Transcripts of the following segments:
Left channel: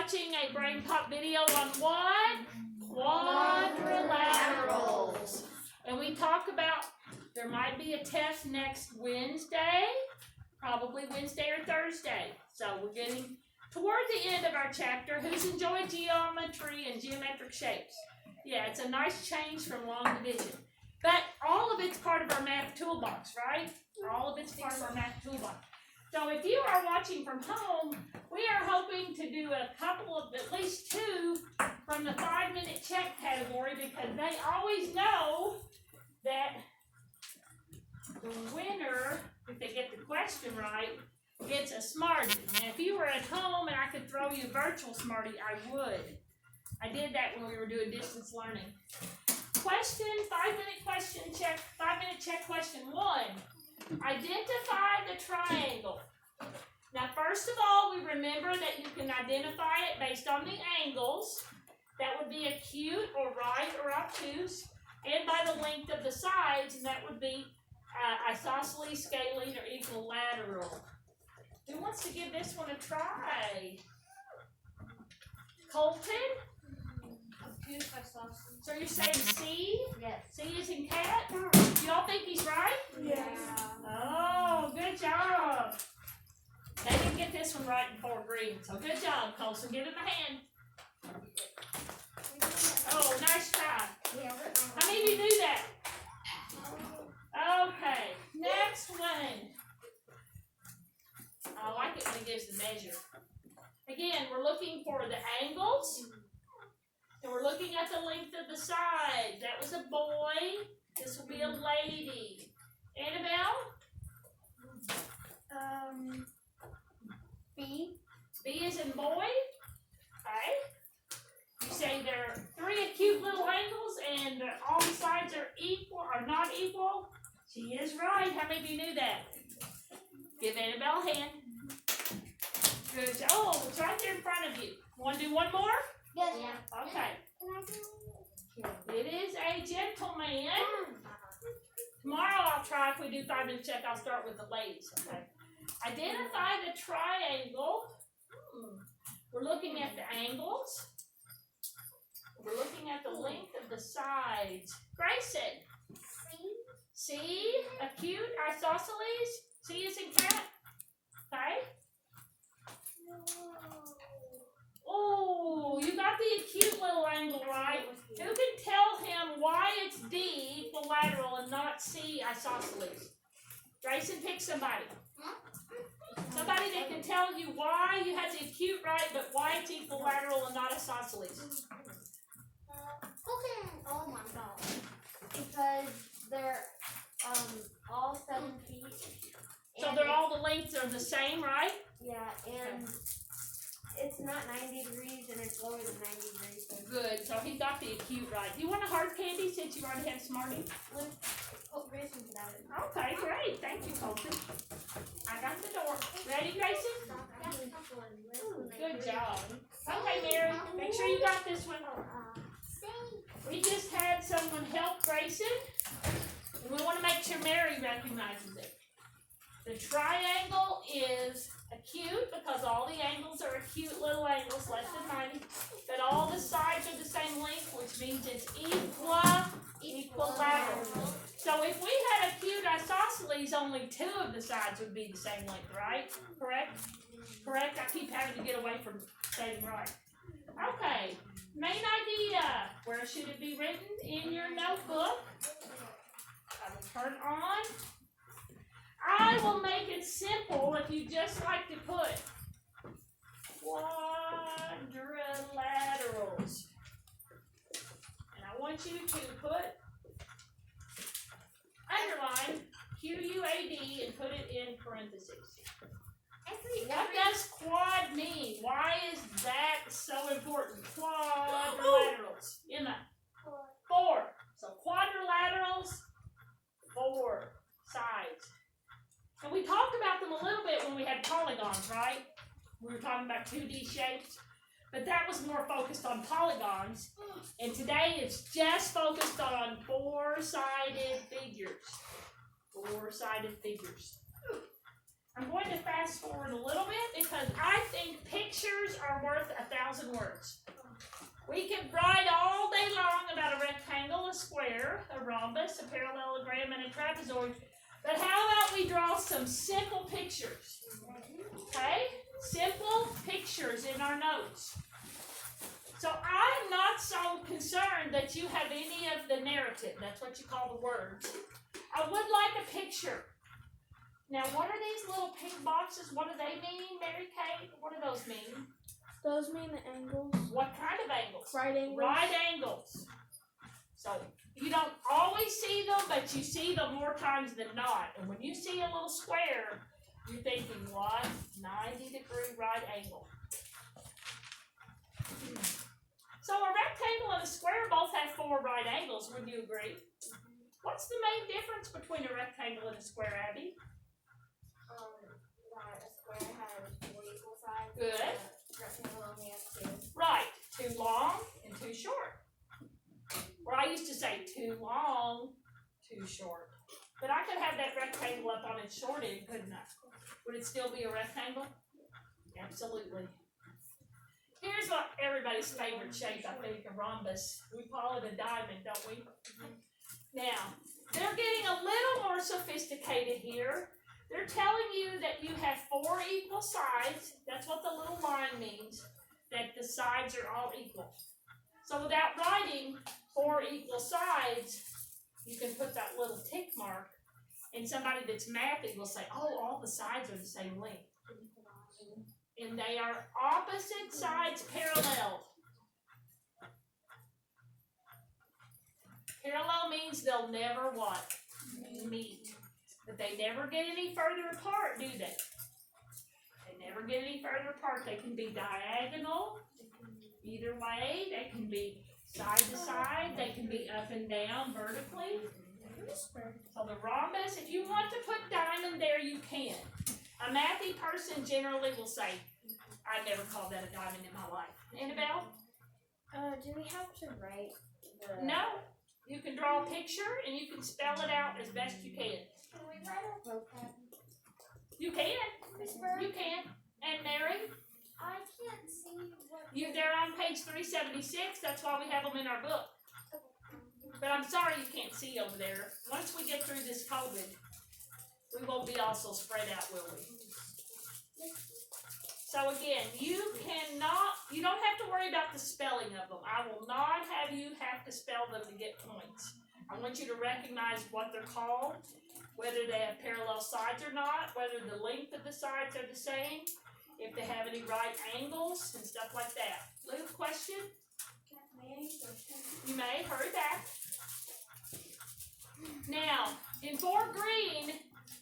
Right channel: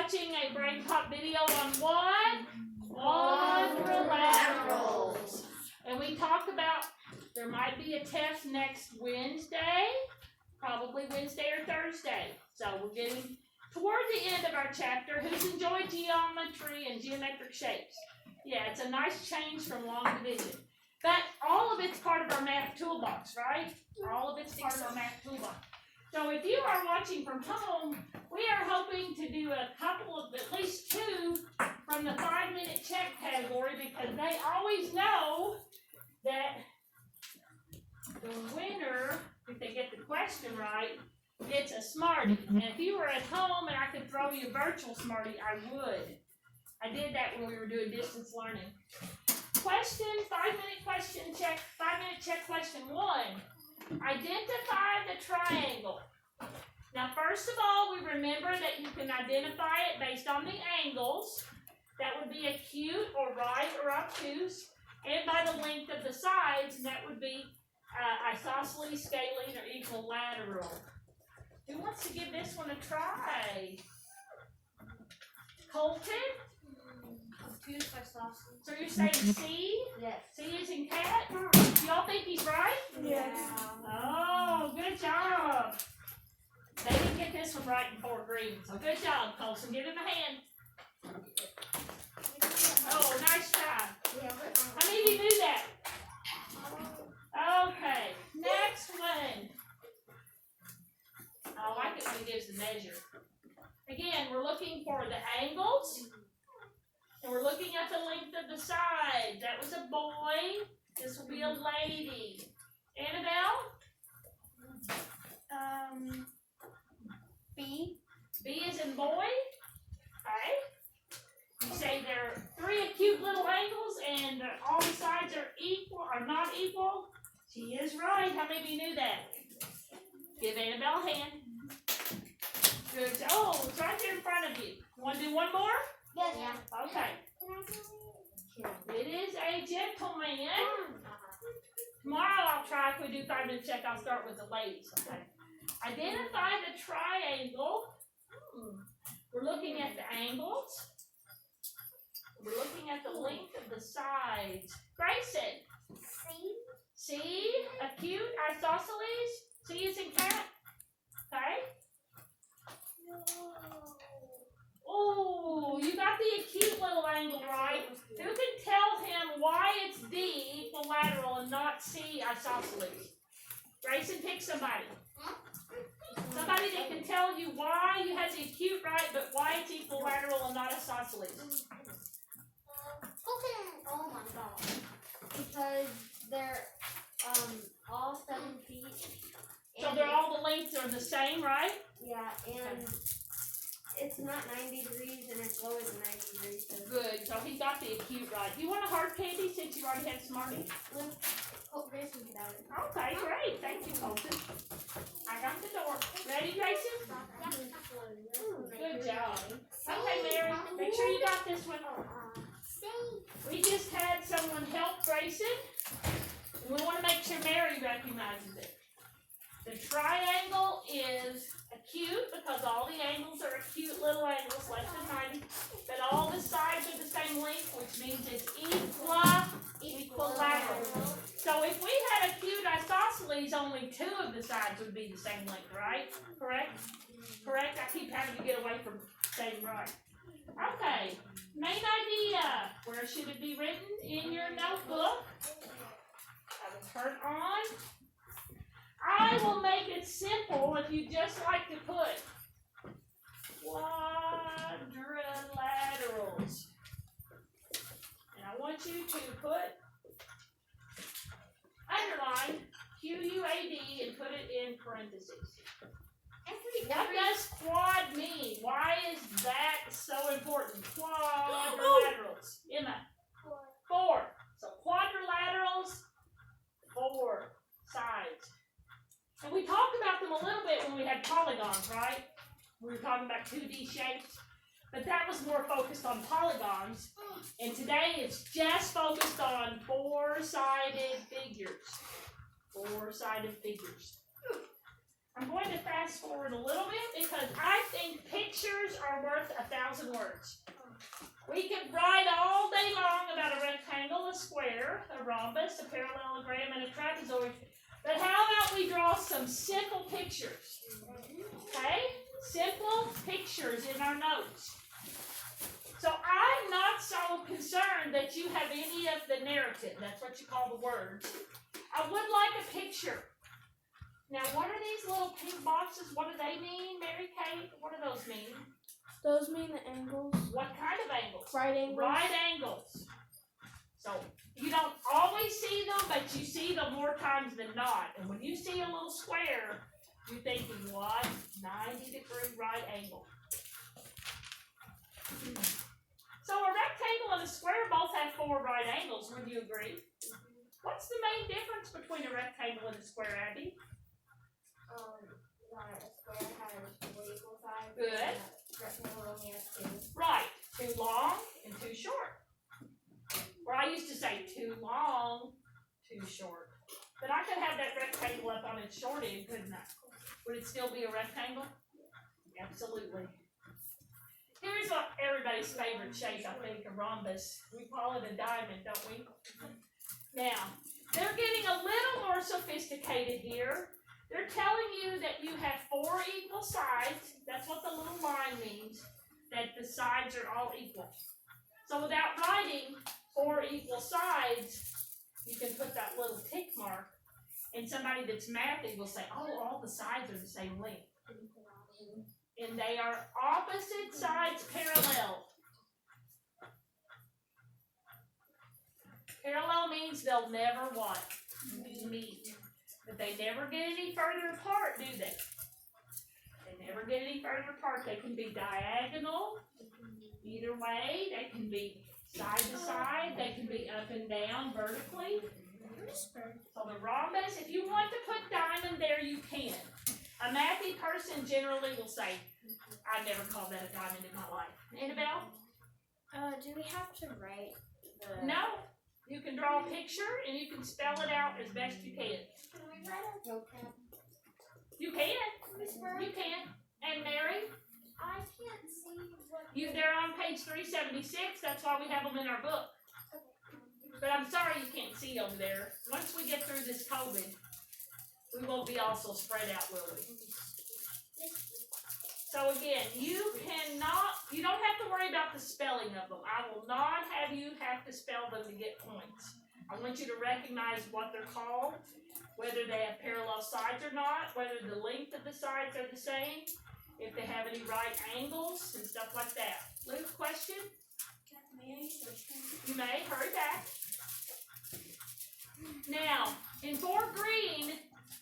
watching a Brain Pop video on what? Quadrilaterals. And we talk about there might be a test next Wednesday, probably Wednesday or Thursday. So we're getting toward the end of our chapter. Who's enjoyed geometry and geometric shapes? Yeah, it's a nice change from long division. But all of it's part of our math toolbox, right? All of it's part of our math toolbox. So if you are watching from home, we are hoping to do a couple of, at least two, from the 5-minute check category, because they always know that the winner, if they get the question right, gets a Smartie. And if you were at home and I could throw you a virtual Smartie, I would. I did that when we were doing distance learning. Question, 5-minute question check, 5-minute check question 1. Identify the triangle. Now, first of all, we remember that you can identify it based on the angles. That would be acute or right or obtuse. And by the length of the sides, and that would be isosceles, scalene, or equilateral. Who wants to give this one a try? Colton? So you're saying C? Yes. C is in cat? Do y'all think he's right? Yes. Oh, good job. They didn't get this one right in 4th grade, so good job, Colson. Give him a hand. Oh, nice try. How many of you knew that? Okay, next one. I like it when it gives the measure. Again, we're looking for the angles. And we're looking at the length of the side. That was a boy. This will be a lady. Annabelle? B. B is in boy. Okay. You say there are 3 acute little angles and all the sides are equal or not equal. She is right. How many of you knew that? Give Annabelle a hand. Good job. Oh, it's right there in front of you. Want to do one more? Yes. Okay. It is a gentleman. Tomorrow I'll try, if we do 5-minute check, I'll start with the ladies. Okay. Identify the triangle. We're looking at the angles. We're looking at the length of the sides. Grayson. C. Acute, isosceles. C is in cat. Okay. Oh, you got the acute little angle right. Who can tell him why it's D, equilateral, and not C, isosceles? Grayson, pick somebody. Somebody that can tell you why you had the acute right, but why it's equilateral and not isosceles. Okay. Oh my god. Because they're all 7 feet. So they're all the lengths are the same, right? Yeah, and it's not 90 degrees and it's lower than 90 degrees. So. Good. So he got the acute right. Do you want a hard candy since you already had Smartie? Oh, Grayson can have it. Okay, great. Thank you, Colton. I got the door. Ready, Grayson? Good job. Okay, Mary. Make sure you got this one. We just had someone help Grayson, and we want to make sure Mary recognizes it. The triangle is acute because all the angles are acute little angles, less than 90, but all the sides are the same length, which means it's equilateral. So if we had acute isosceles, only 2 of the sides would be the same length, right? Correct? Correct? I keep having to get away from saying right. Okay, main idea. Where should it be written? In your notebook. I will turn on. I will make it simple if you just like to put quadrilaterals. And I want you to put, underline, QUAD and put it in parentheses. What does quad mean? Why is that so important? Quadrilaterals. Emma. 4. So quadrilaterals, 4 sides. And we talked about them a little bit when we had polygons, right? We were talking about 2D shapes. But that was more focused on polygons. And today it's just focused on 4-sided figures. 4-sided figures. I'm going to fast forward a little bit because I think pictures are worth 1,000 words. We could write all day long about a rectangle, a square, a rhombus, a parallelogram, and a trapezoid. But how about we draw some simple pictures? Okay? Simple pictures in our notes. So I'm not so concerned that you have any of the narrative. That's what you call the words. I would like a picture. Now, what are these little pink boxes? What do they mean, Mary Kate? What do those mean? Those mean the angles. What kind of angles? Right angles. Right angles. So you don't always see them, but you see them more times than not. And when you see a little square, you're thinking, what? 90-degree right angle. So a rectangle and a square both have 4 right angles. Would you agree? What's the main difference between a rectangle and a square, Abby? A square has 4 equal sides. Good. And a rectangle only has 2. Right. Too long and too short. Or I used to say too long, too short. But I could have that rectangle up on its short end, couldn't I? Would it still be a rectangle? Absolutely. Here's what everybody's favorite shape, I think, a rhombus. We call it a diamond, don't we? Now, they're getting a little more sophisticated here. They're telling you that you have 4 equal sides. That's what the little line means, that the sides are all equal. So without writing 4 equal sides, you can put that little tick mark, and somebody that's mathy will say, oh, all the sides are the same length. And they are opposite sides parallel. Parallel means they'll never what? Meet. But they never get any further apart, do they? They never get any further apart. They can be diagonal, either way. They can be side to side. They can be up and down vertically. So the rhombus, if you want to put diamond there, you can. A mathy person generally will say, I never called that a diamond in my life. Annabelle? Do we have to write the... No. You can draw a picture and you can spell it out as best you can. Can we write a vocab? You can. Miss Bird? You can. And Mary? I can't see what. They're on page 376. That's why we have them in our book. But I'm sorry you can't see over there. Once we get through this COVID, we won't be all so spread out, will we? So again, you don't have to worry about the spelling of them. I will not have you have to spell them to get points. I want you to recognize what they're called, whether they have parallel sides or not, whether the length of the sides are the same, if they have any right angles and stuff like that. Luke, question? You may, hurry back. Now, in Fort Greene,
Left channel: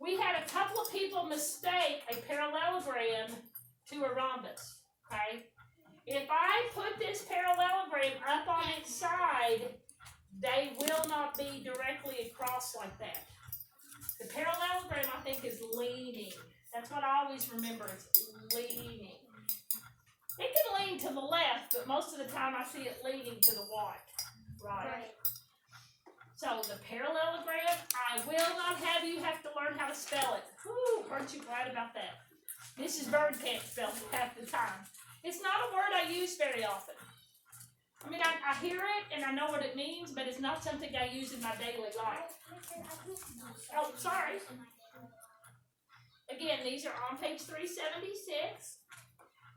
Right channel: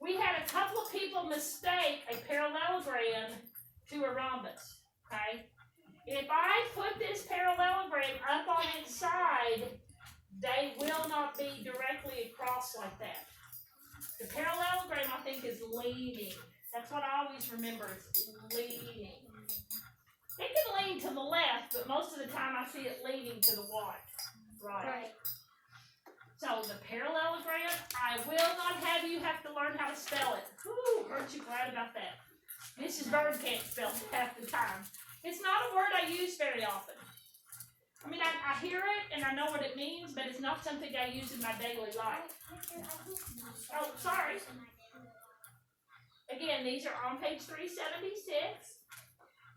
we had a couple of people mistake a parallelogram to a rhombus, okay? If I put this parallelogram up on its side, they will not be directly across like that. The parallelogram, I think, is leaning. That's what I always remember, is leaning. It can lean to the left, but most of the time I see it leaning to the right. So the parallelogram, I will not have you have to learn how to spell it. Whew, aren't you glad about that? Mrs. Bird can't spell it half the time. It's not a word I use very often. I mean, I hear it and I know what it means, but it's not something I use in my daily life. Oh, sorry. Again, these are on page 376.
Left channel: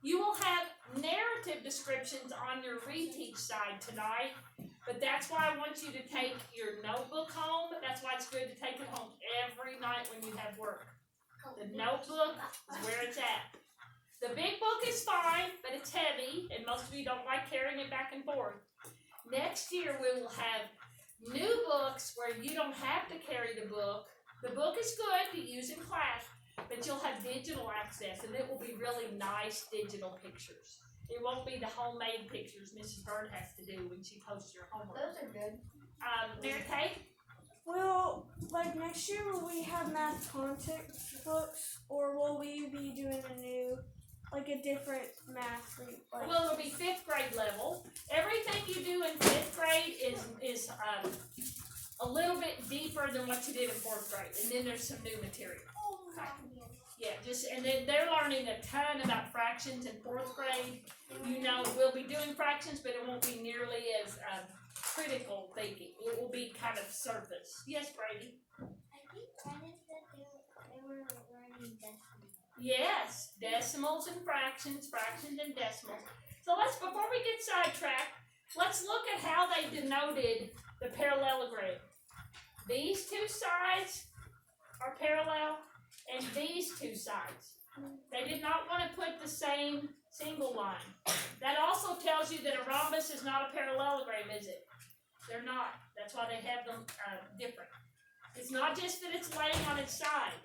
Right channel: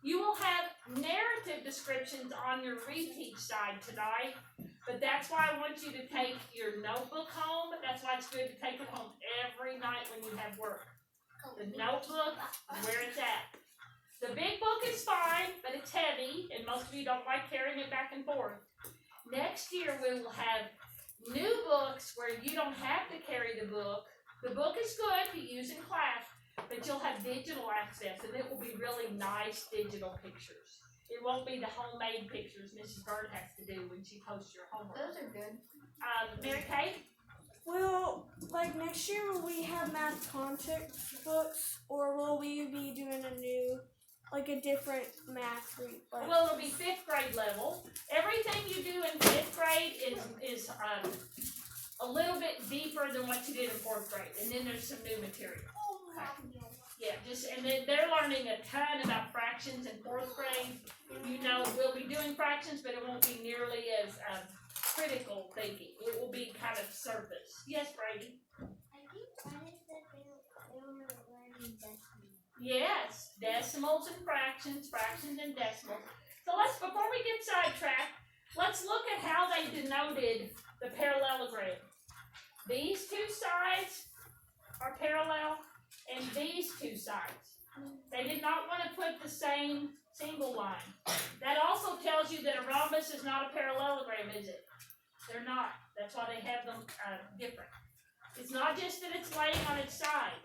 You will have narrative descriptions on your reteach side tonight, but that's why I want you to take your notebook home. That's why it's good to take it home every night when you have work. The notebook is where it's at. The big book is fine, but it's heavy, and most of you don't like carrying it back and forth. Next year, we will have new books where you don't have to carry the book. The book is good to use in class, but you'll have digital access, and it will be really nice digital pictures. It won't be the homemade pictures Mrs. Bird has to do when she posts your homework. Those are good. Mary Kay? Will, like, next year, will we have math context books, or will we be doing a new, like, a different math read? Like, Well, it'll be 5th grade level. Everything you do in 5th grade is a little bit deeper than what you did in 4th grade, and then there's some new material. Yeah, and then they're learning a ton about fractions in 4th grade. You know, we'll be doing fractions, but it won't be nearly as critical thinking. It will be kind of surface. Yes, Brady? I think Brennan said they were learning decimals. Yes, decimals and fractions and decimals. So before we get sidetracked, let's look at how they denoted the parallelogram. These two sides are parallel, and these two sides. They did not want to put the same single line. That also tells you that a rhombus is not a parallelogram, is it? They're not. That's why they have them different. It's not just that it's laying on its side.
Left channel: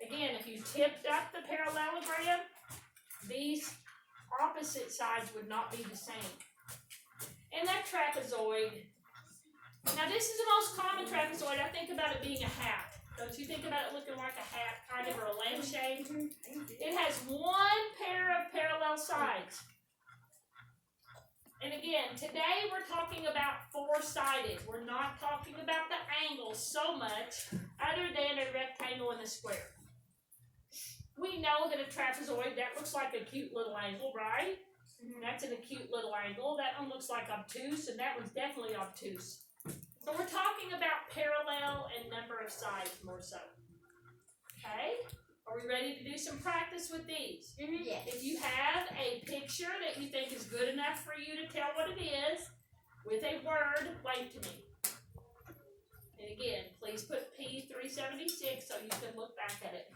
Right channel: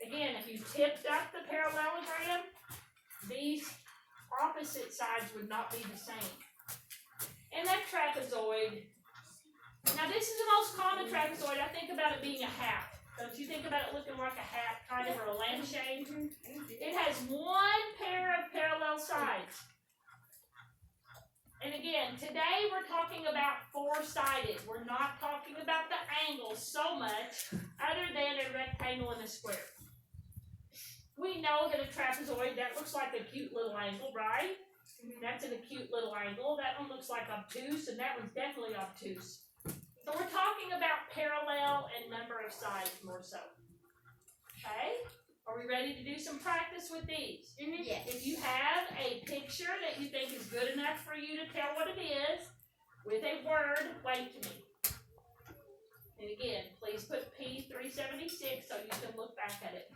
Again, if you tipped up the parallelogram, these opposite sides would not be the same. And that trapezoid. Now this is the most common trapezoid. I think about it being a hat. Don't you think about it looking like a hat, kind of, or a lampshade? It has one pair of parallel sides. And again, today we're talking about 4-sided. We're not talking about the angles so much, other than a rectangle and a square. We know that a trapezoid, that looks like a cute little angle, right? That's an acute little angle. That one looks like obtuse, and that one's definitely obtuse. So we're talking about parallel and number of sides more so. Okay? Are we ready to do some practice with these? Yes. If you have a picture that you think is good enough for you to tell what it is, with a word, wave to me. And again, please put P376 so you can look back at it.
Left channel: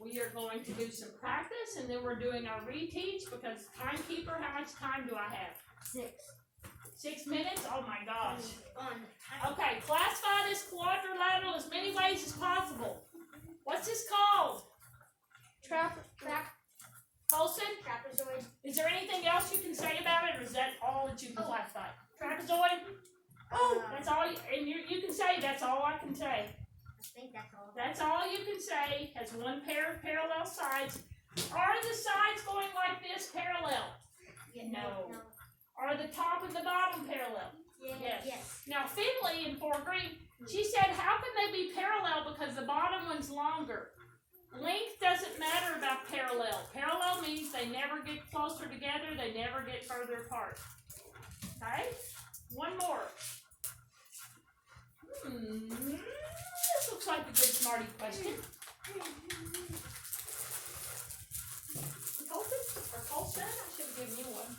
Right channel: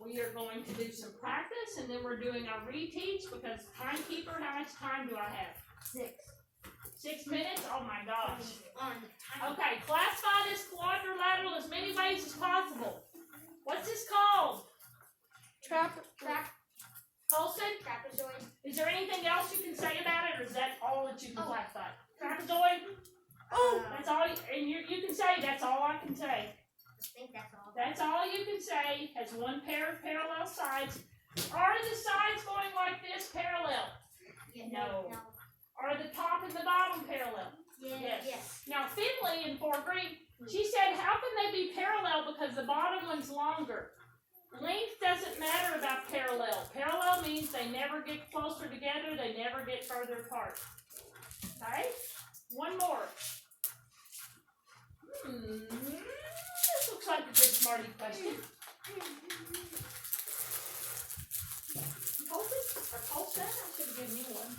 We are going to do some practice, and then we're doing our reteach, because timekeeper, how much time do I have? 6. 6 minutes? Oh my gosh. On Okay, classify this quadrilateral as many ways as possible. What's this called? Colson? trapezoid. Is there anything else you can say about it, or is that all that you can classify? Trapezoid? That's all, and you can say, that's all I can say. I think that's all. That's all you can say. Has one pair of parallel sides. Are the sides going like this parallel? Yeah, No. Are the top and the bottom parallel? Yes. Now, Finley in 4th grade, she said, how can they be parallel because the bottom one's longer? Length doesn't matter about parallel. Parallel means they never get closer together, they never get further apart. Okay? One more. This looks like a good smarty question. Colson? I should have given you one.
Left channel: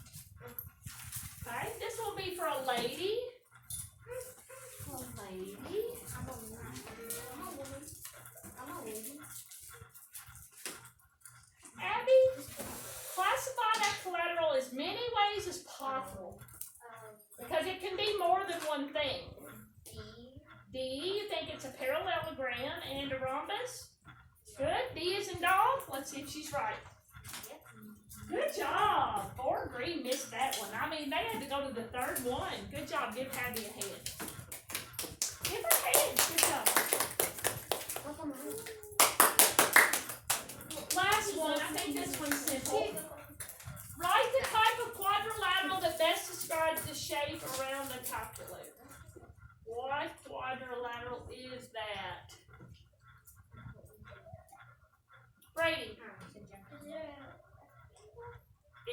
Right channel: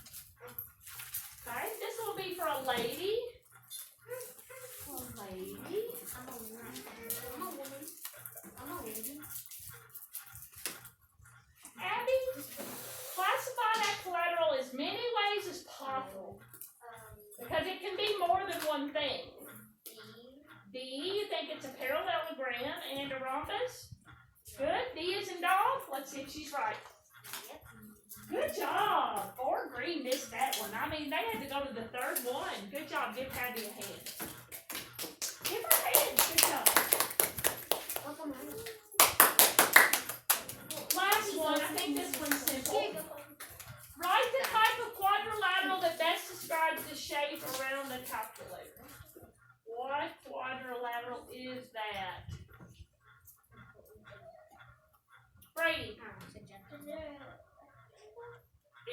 Okay, this will be for a lady. I'm a lady. Abby, classify that collateral as many ways as possible. Because it can be more than one thing. D, you think it's a parallelogram and a rhombus? Good. D is in dog. Let's see if she's right. Good job. 4 green missed that one. I mean, they had to go to the 3rd one. Good job. Give Abby a hand. Give her a hand. Good job. Last one. I think this one's simple. Write the type of quadrilateral that best describes the shape around the calculator. What quadrilateral is that? Brady.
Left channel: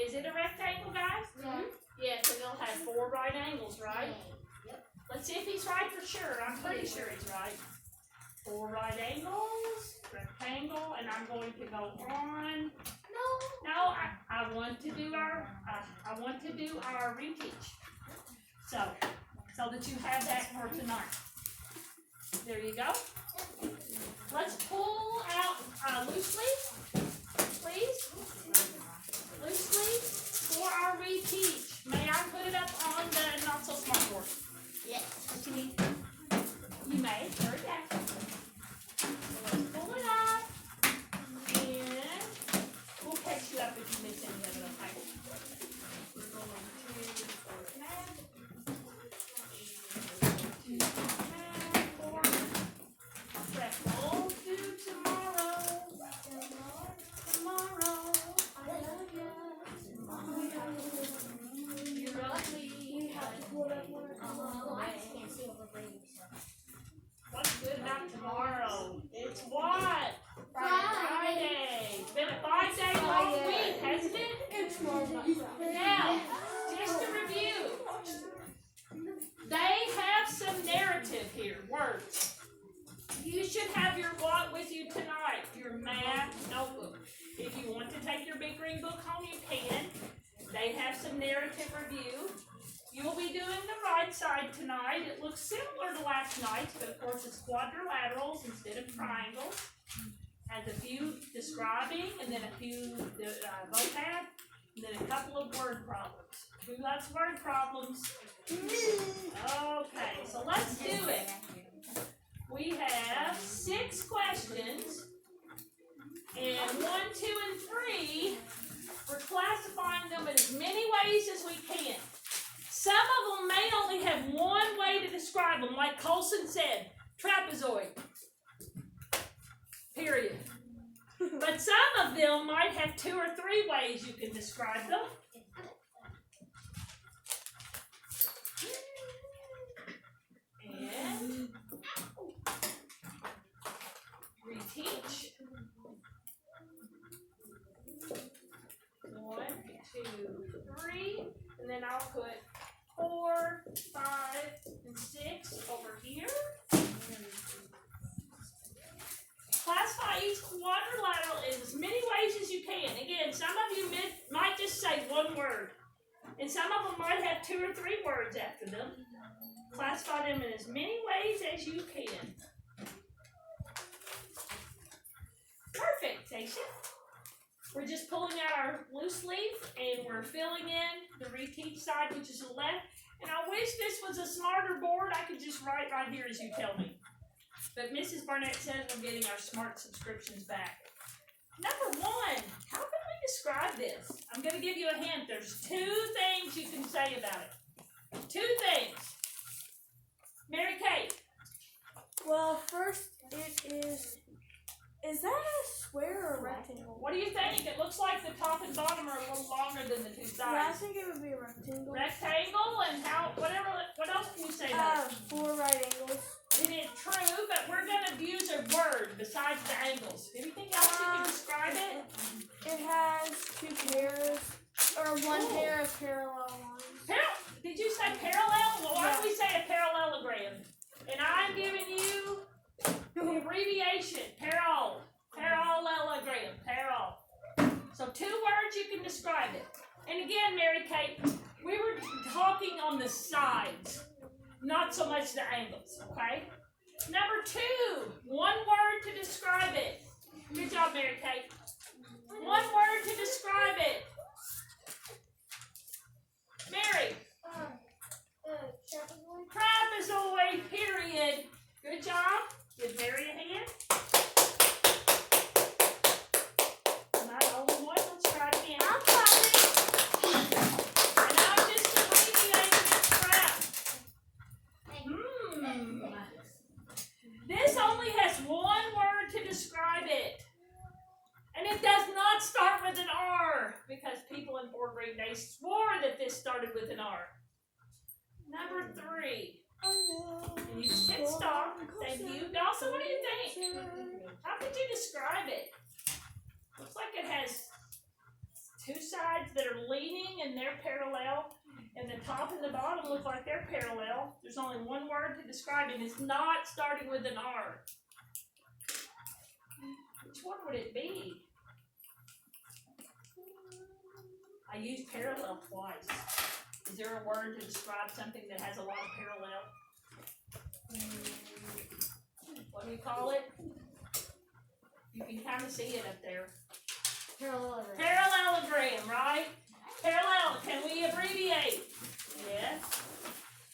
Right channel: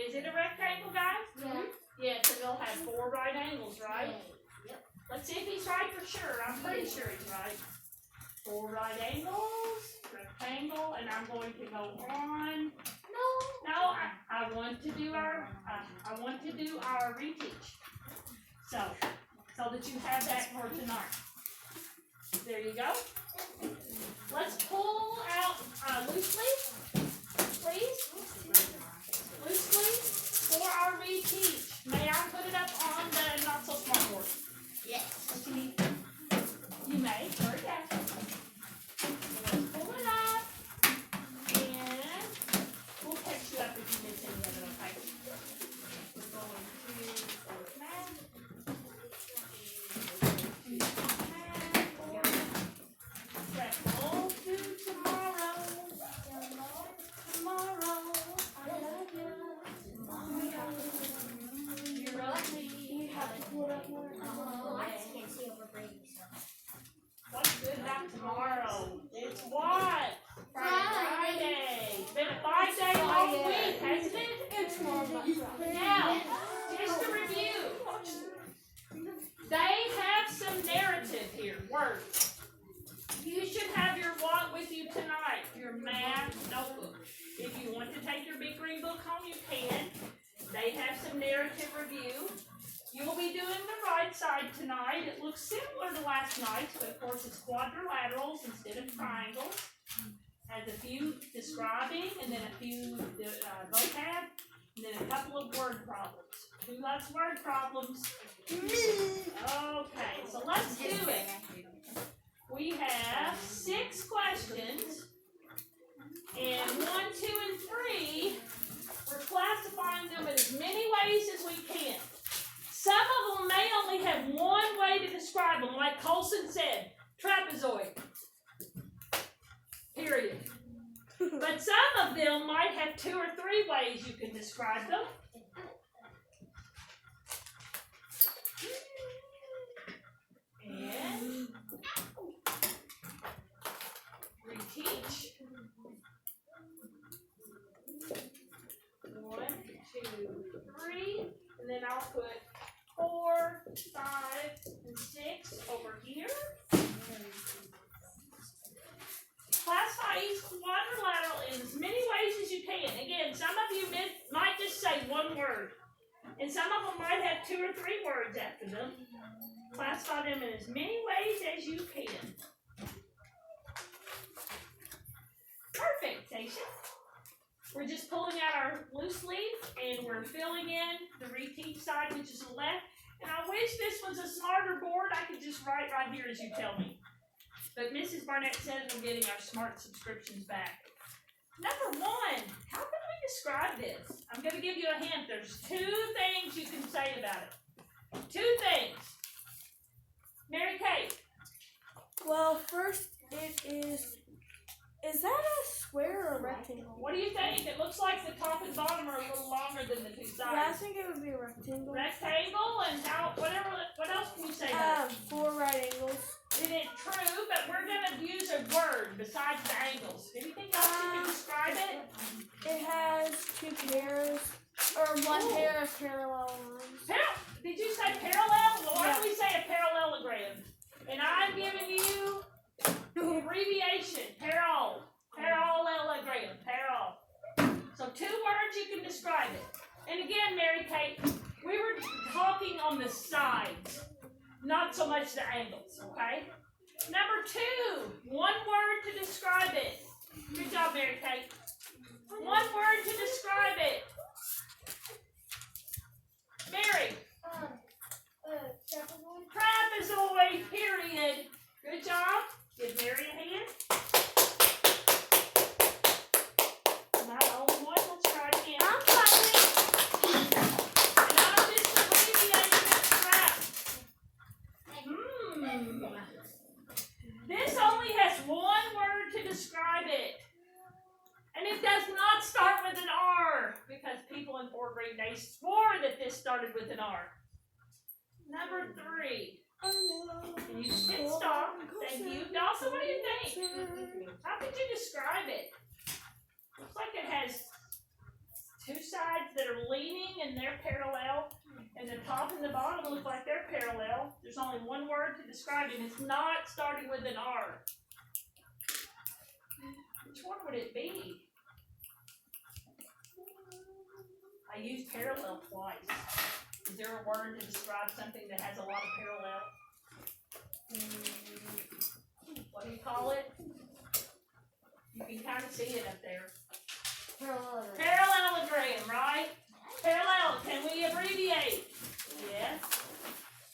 Is it a rectangle, guys? Yeah. Yeah, so they'll have 4 right angles, right? Yep. Let's see if he's right for sure. I'm pretty sure he's right. 4 right angles, rectangle, and I'm going to go on. No, I want to do our reteach. So that you have that for tonight. There you go. Let's pull out loosely, please. Loosely for our reteach. May I put it up on the not so smart board? Yes. What you need? You may. Very good. Let's pull it up, and we'll catch you up if you miss any of it. Okay. We're going to 4th math. Travel to tomorrow. Tomorrow. I love you. Tomorrow. You're ugly. Oh, I can't see over words. You should have your what with you tonight? Your math notebook. If you want to take your big green book home, you can. They have some narrative review. You'll be doing the right side tonight. It looks similar to last night's, but of course it's quadrilaterals instead of triangles. Has a few describing, and then a few vocab, and then a couple of word problems. Who loves word problems? Okay, so let's do it. We have 6 questions, and 1, 2, and 3, we're classifying them in as many ways as we can. Some of them may only have one way to describe them, like Colson said, trapezoid. Period. But some of them might have 2 or 3 ways you can describe them. And reteach. 1, 2, 3, and then I'll put 4, 5, and 6 over here. Classify each quadrilateral in as many ways as you can. Again, some of you might just say one word, and some of them might have 2 or 3 words after them. Classify them in as many ways as you can. Perfect, Tasha. We're just pulling out our loose leaf, and we're filling in the reteach side, which is the left. And I wish this was a smarter board. I could just write right here as you tell me. But Mrs. Barnett says we're getting our smart subscriptions back. Number 1, how can we describe this? I'm going to give you a hint. There's 2 things you can say about it. 2 things. Mary Kate. Well, first it is that a square or a rectangle? What do you think? It looks like the top and bottom are a little longer than the 2 sides. Yeah, I think it would be a rectangle. Rectangle, and what else can we say about it? 4 right angles. It is true, but we're going to use a word besides the angles. Anything else you can describe it? It has 2 pairs, or 1 pair of parallel lines. Did you say parallel? Well, why don't we say a parallelogram? And I'm giving you the abbreviation, parallel. Parallelogram, parallel. So 2 words you can describe it. And again, Mary Kate, we were talking on the sides, not so much the angles, okay? Number 2, 1 word to describe it. Good job, Mary Kate. 1 word to describe it. Mary. Trapezoid, period. Good job. Give Mary a hand. Am I the only one? Let's try it again. I'm clapping. And I'm just abbreviating this crap. This only has 1 word to describe it. And it does not start with an R, because people in 4th grade, they swore that this started with an R. Number 3. And you sit stop. Thank you. Dawson, what do you think? How could you describe it? Looks like it has 2 sides that are leaning and they're parallel. And the top and the bottom look like they're parallel. There's only 1 word to describe it. And it's not starting with an R. Which one would it be? I used parallel twice. Is there a word to describe something that has a lot of parallel? What do you call it? You can kind of see it up there. Parallelogram. Parallelogram, right? Parallel. Can we abbreviate? Yes.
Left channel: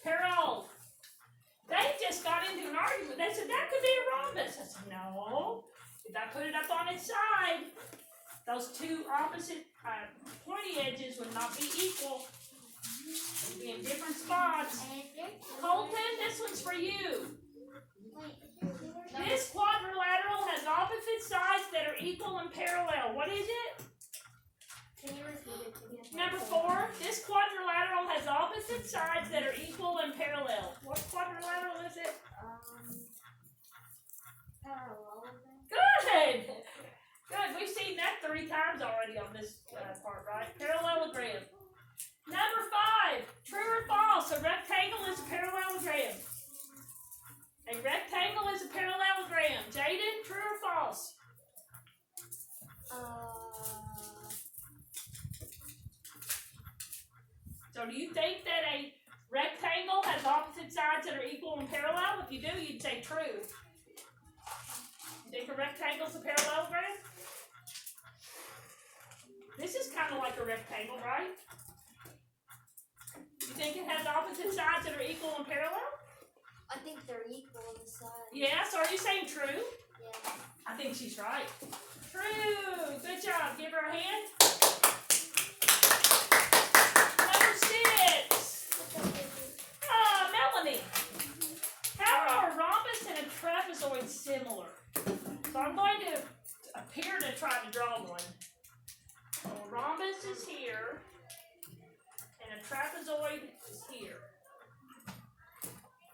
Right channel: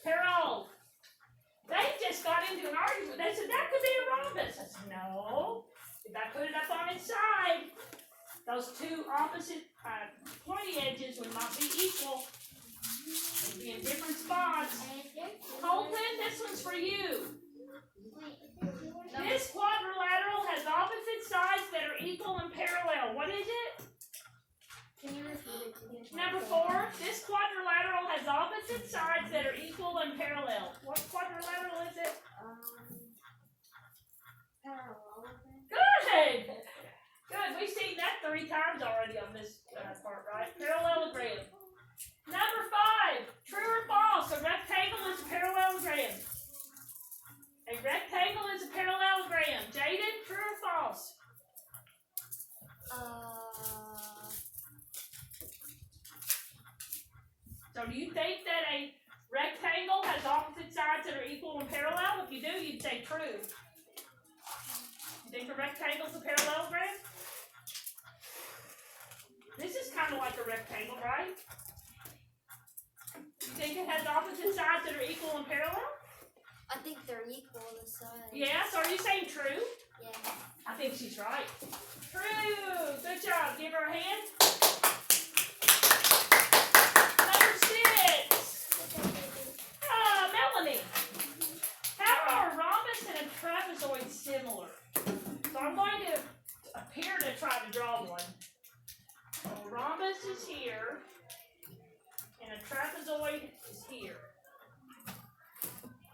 Parallel. They just got into an argument. They said that could be a rhombus. I said no. If I put it up on its side, those 2 opposite pointy edges would not be equal. They'd be in different spots. Colton, this one's for you. This quadrilateral has opposite sides that are equal and parallel. What is it? Can you repeat it again? Number 4, this quadrilateral has opposite sides that are equal and parallel. What quadrilateral is it? Parallelogram. Good! Good. We've seen that 3 times already on this part, right? Parallelogram. Number 5, true or false? A rectangle is a parallelogram. A you think that a rectangle has opposite sides that are equal and parallel? If you do, you'd say true. You think a rectangle's a parallel, Greg? This is kind of like a rectangle, right? You think it has opposite sides that are equal and parallel? I think they're equal the size. Yeah, so are you saying true? Yeah. I think she's right. True! Good job. Give her a hand. Number 6. Melanie. How are a rhombus and a trapezoid similar? So I'm going to appear to try to draw one. So a rhombus is here, and a trapezoid is here.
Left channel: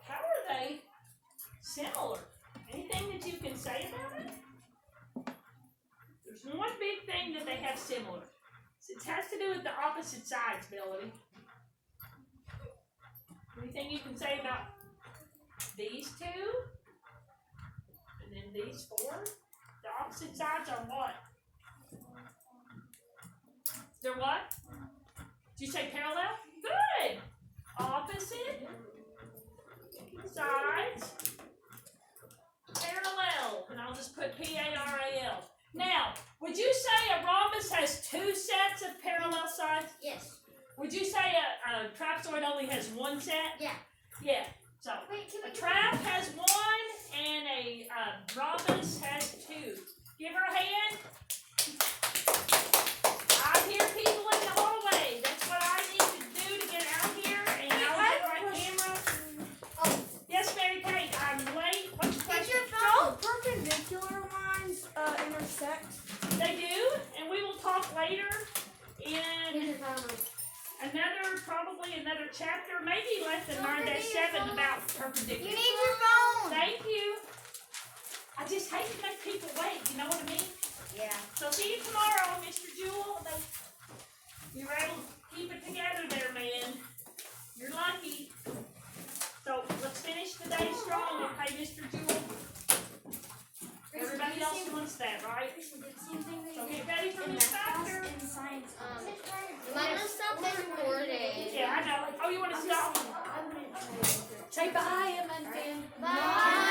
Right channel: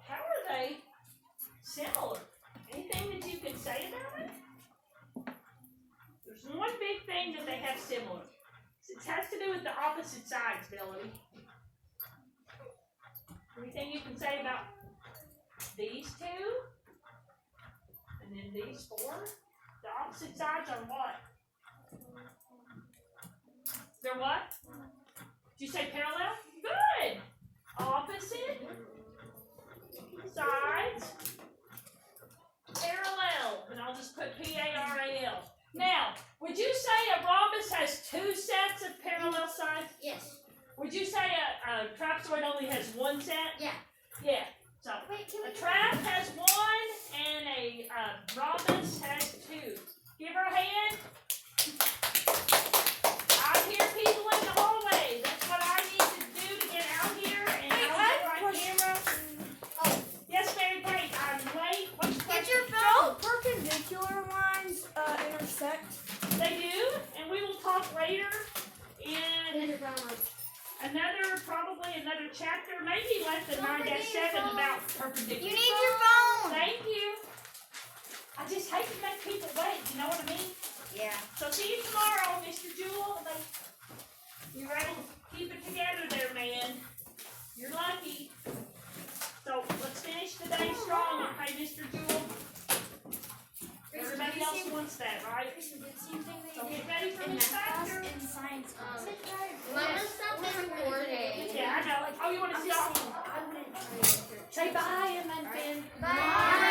How are they similar? Anything that you can say about it? There's one big thing that they have similar. It has to do with the opposite sides, Melody. Anything you can say about these two? And then these 4? The opposite sides are what? They're what? Did you say parallel? Good! Opposite sides parallel. And I'll just put P-A-R-A-L. Now, would you say a rhombus has 2 sets of parallel sides? Yes. Would you say a trapezoid only has 1 set? Yeah. Yeah. So Wait, can a trap has 1 and a rhombus has 2. Give her a hand. I hear people in the hallway. That's what I need to do to get out here, and I'll get my camera. Oh. Yes, Mary Kate, I'm late. What's your Get question? your phone. Perpendicular lines intersect. They do, and we will talk later in probably another chapter, maybe less than 9-7 about perpendicular. You need your phone. Thank you. I just hate to make people wait, you know what I mean? Yeah. So see you tomorrow, Mr. Jewel. You were able to keep it together there, man. You're lucky. So let's finish the day strong, okay, Mr. Jewel? Everybody else wants that, right? So get ready for this factor. Mama, stop recording. Yeah, I know. Oh, you want to stop? Say bye, Emma and Finn. Bye.